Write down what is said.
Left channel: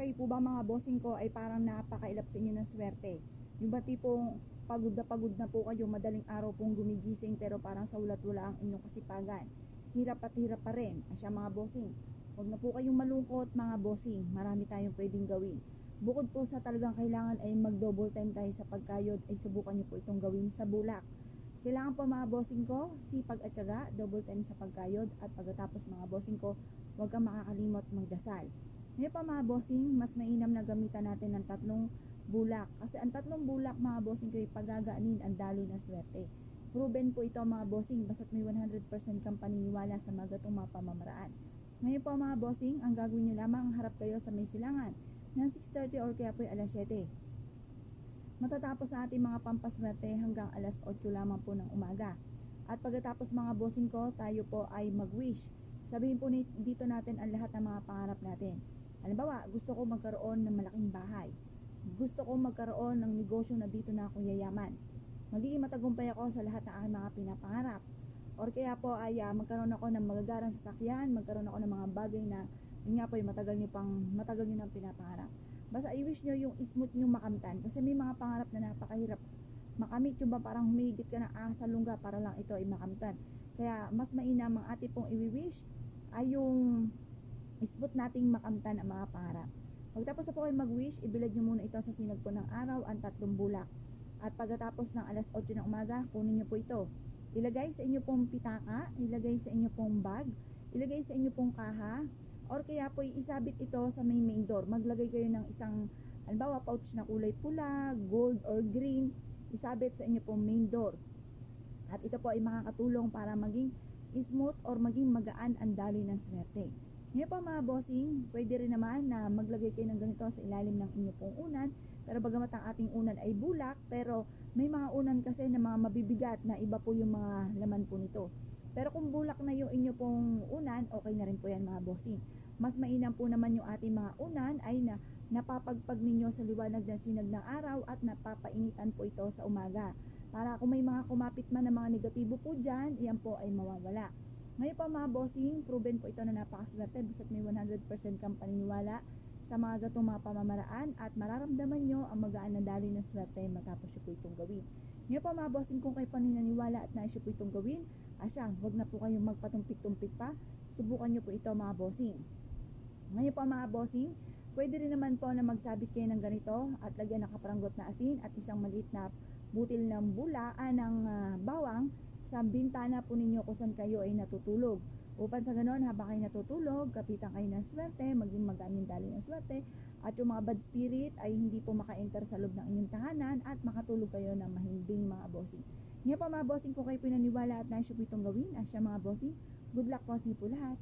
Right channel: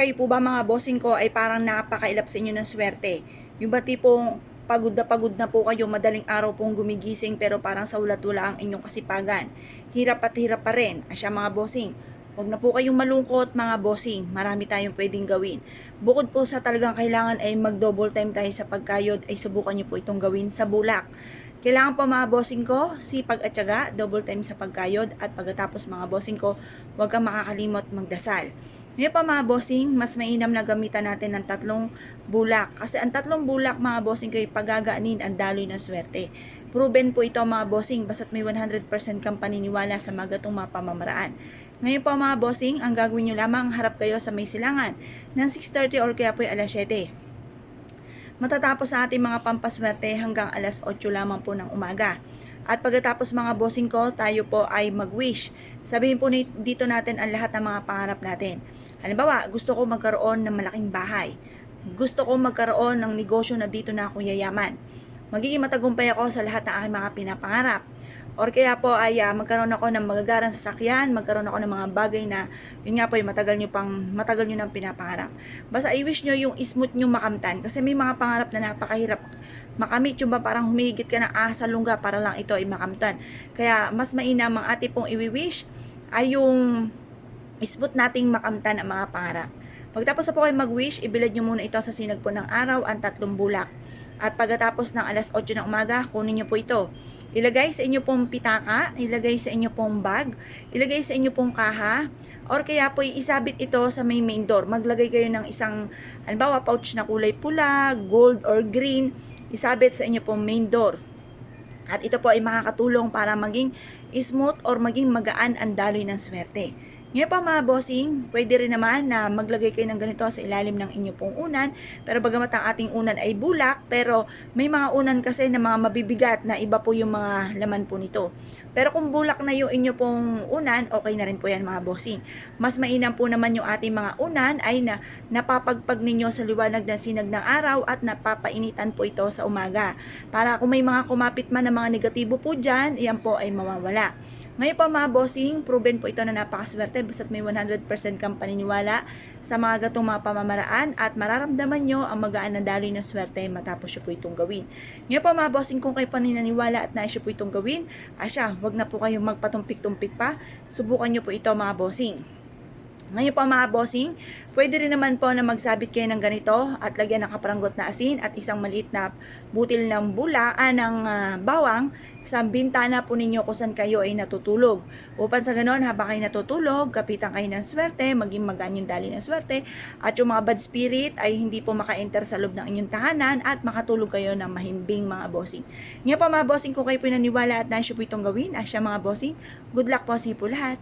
Kayo po ba mga bossing ko ay parang napakailap sa inyo ng swerte? Yung ba tipong pagod na po kayo, madaling araw pong gumigising pero parang sa ulat-wala ang inyong kasipagan. Hirap at hirap pa rin. Asya mga bossing, huwag na po kayong malungkot mga bossing. Marami tayong pwedeng gawin. Bukod po sa talagang kailangan ay mag-double time tayo sa pagkayod, ay subukan nyo po itong gawin sa bulak. Kailangan po mga bossing ko, sipag at syaga, double time sa pagkayod, at pagkatapos mga bossing ko, huwag kang makakalimot magdasal. Ngayon pa mga bossing, mas mainam na gamitan natin ng tatlong bulak. Kasi ang tatlong bulak mga bossing ko ay pagagaanin ang daloy ng swerte. Proven po ito mga bossing, basta't may 100% kang paniniwala sa mga gatong mga pamamaraan. Ngayon pa mga bossing, ang gagawin nyo lamang, harap kayo sa may silangan ng 6:30 or kaya po ay alas 7. Matatapos sa ating mga pampaswerte hanggang alas 8 lamang po ng umaga. At pagkatapos mga bossing ko, tayo po ay mag-wish. Sabihin po dito natin ang lahat ng mga pangarap natin. Halimbawa, gusto ko magkaroon ng malaking bahay. Gusto ko magkaroon ng negosyo na dito na ako yayaman. Magiging matagumpay ako sa lahat ng aking mga pinapangarap. Or kaya po ay magkaroon ako ng magagarang sasakyan, magkaroon ako ng mga bagay na yun nga po ay matagal nyo nang pinapangarap. Basta i-wish nyo yung smooth nyo makamtan kasi may mga pangarap na napakahirap makamit, yung ba parang humigit ka ng asa lungga para lang ito ay makamtan. Kaya mas mainam ang ating pong i-wish ay yung smooth nating makamtan ang mga pangarap. Pagtapos na po kayo mag-wish, ibilad nyo muna ito sa sinag po ng araw ang tatlong bulak. At pagkatapos ng alas 8 ng umaga, kunin nyo po ito. Ilagay sa inyo pong pitaka, ilagay sa inyo pong bag, ilagay sa inyo pong kaha, or kaya po isabit ito sa may main door. Maglagay kayo ng isang, halimbawa, pouch na kulay pula, gold, or green, isabit sa inyo pong main door. At ito po ay makakatulong para maging smooth or maging magaan ang daloy ng swerte. Ngayon pa mga bossing, pwede rin naman na maglagay kayo ng ganito sa ilalim ng inyo pong unan. Pero bagamat ang ating unan ay bulak, pero may mga unan kasi na mga mabibigat na iba po yung mga laman po nito. Pero kung bulak na yung inyo pong unan, okay na rin po yan mga bossing. Mas mainam po naman yung ating mga unan ay na napapagpag ninyo sa liwanag ng sinag ng araw at napapainitan po ito sa umaga. Para kung may mga kumapit man na mga negatibo po dyan, iyan po ay mawawala. Ngayon pa mga bossing, proven po ito na napakaswerte basta't may 100% kang paniniwala sa mga gatong mga pamamaraan at mararamdaman nyo ang magaan na daloy ng swerte matapos nyo po itong gawin. Ngayon pa mga bossing, kung kayo paninaniwala at nais nyo po itong gawin, wag na po kayong magpatumpik-tumpik pa, subukan nyo po ito mga bossing. Ngayon pa mga bossing, pwede rin naman po na magsabit kayo ng ganito at lagyan ng kaparanggot na asin at isang maliit na butil ng bawang sa bintana po ninyo kung saan kayo ay natutulog. Upang sa ganon, habang kayo natutulog, kapitan kayo ng swerte, maging magaan yung daloy ng swerte, at yung mga bad spirit ay hindi po maka-enter sa loob ng inyong tahanan at makatulog kayo ng mahimbing mga bossing. Ngayon pa mga bossing, kung kayo po naniwala at nais po itong gawin, mga bossing, good luck po sa po lahat.